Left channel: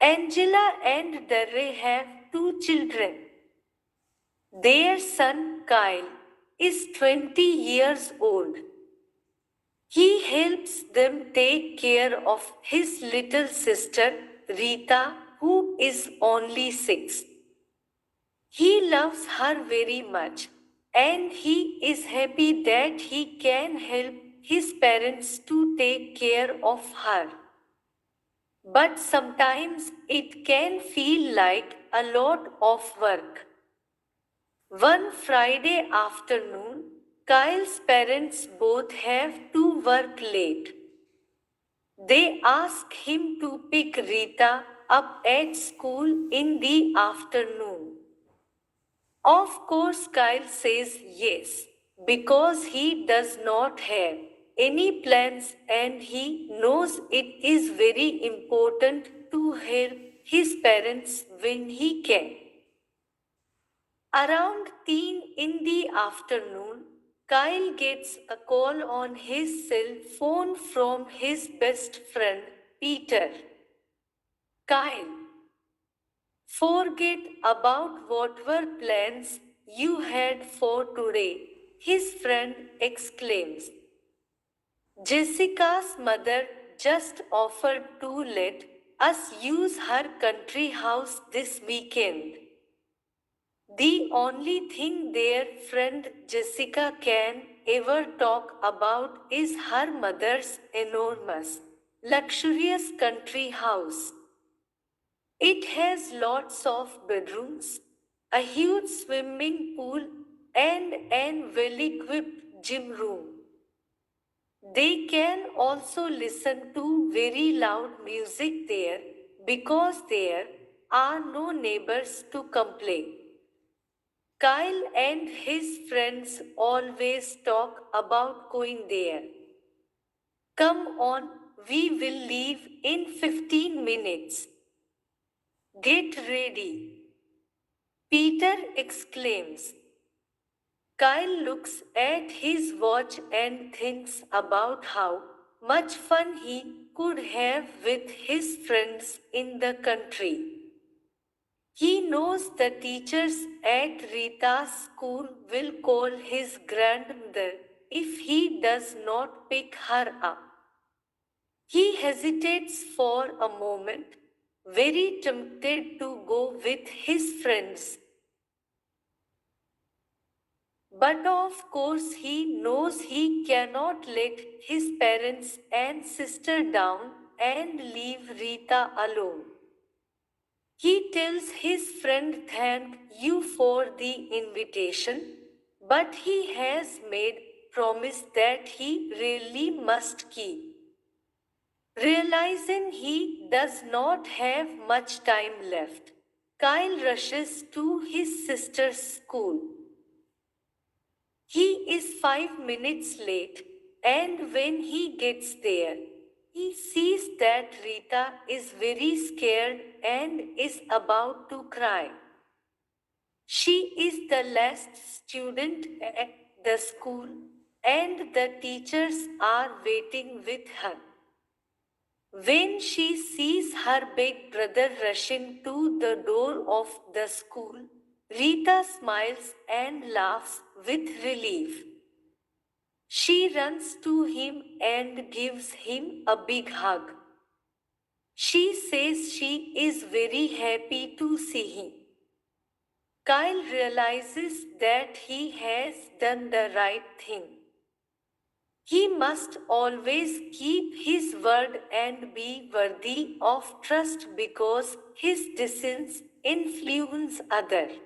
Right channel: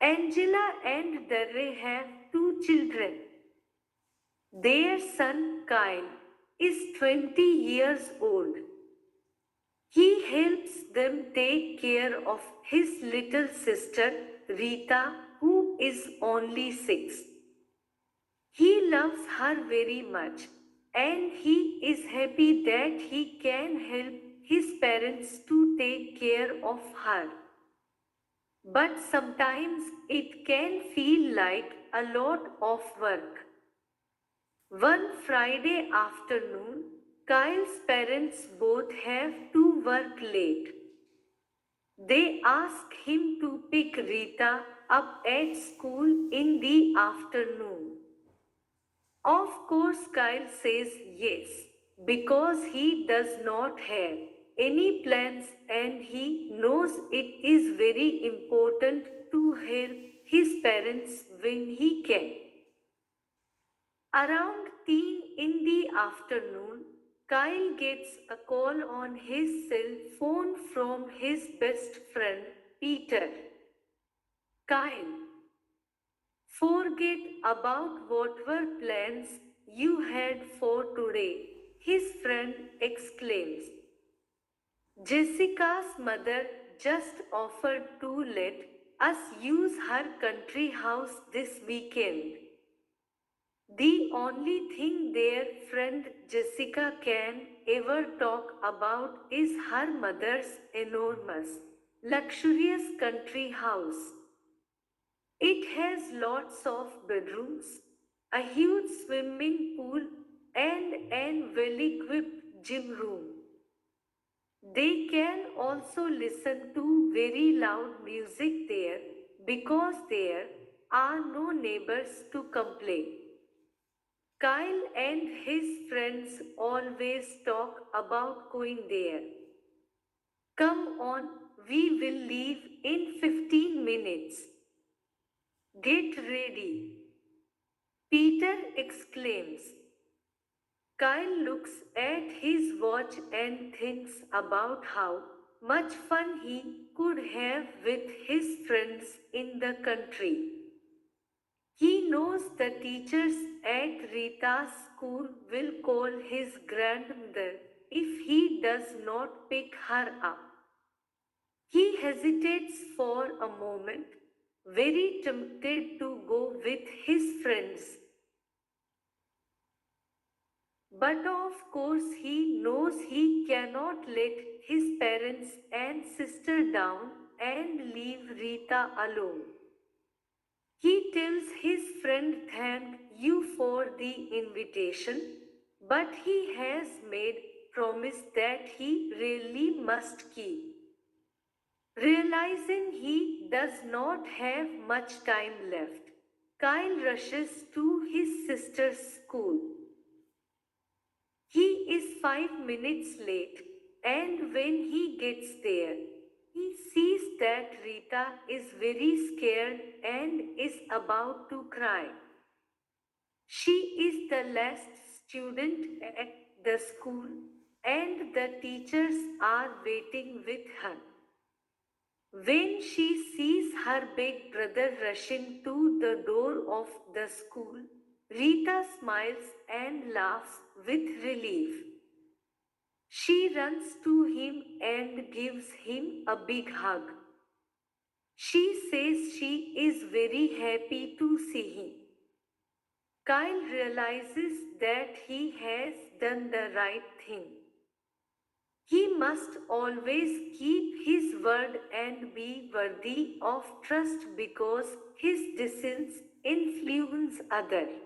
Angela and Darren have two children. Their son Kyle is 20 years old. He helps them take care of his little sister Rita, who is only 6. He loves her very much, and he is happy that he can help his parents to take care of her. But sometimes it can feel like a lot of work. One Friday afternoon, Kyle's parents both have to work late. They ask him to pick Rita up at school in the afternoon. Of course, Kyle says yes, because he does not have any plans and he knows it is very important to help his parents when he can. Around 10 in the afternoon, Kyle gets a call on his cell phone from his best friend, Peter. Kyle, forget about whatever plans you had for today, his friend exclaims. Jessica's mother just offered to let us use her country house this weekend. The only thing their friend Jessica can ever talk about is her mother's enormous, luxurious country house. It has lots of bedrooms, a huge swimming pool, and an well equipped gym room. They can also listen to very loud music there because there are no neighbors to complain. Kyle and his friends always talk about going there. Come on, we will leave in 15 minutes. Get ready. Peter exclaims. Kyle looks at his watch and thinks about how much fun he could have with his friends in the country. He knows the teachers at Rita's school will call his grandmother if he does not pick her up. He hesitates for a moment, very tempted to go with his friends. But of course, he knows he cannot let his parents and sister down and leave Rita alone. He tells his friend thank you for the invitation, but he has made promise that he really must keep. Realizing he does not have much time left, Kyle rushes to his sister's school. He is 5 minutes late, and when he gets there, he sees that Rita is very scared and is about to cry. She is the last student at the school, and the teachers are waiting with her. When she sees her big brother rushing to the door of the school, Rita smiles and laughs with relief. She runs to him and gives him a big hug. She says she is very happy to see him. Kyle realizes that he has done the right thing. He must always keep his word and be worthy of trust because his decisions influence others.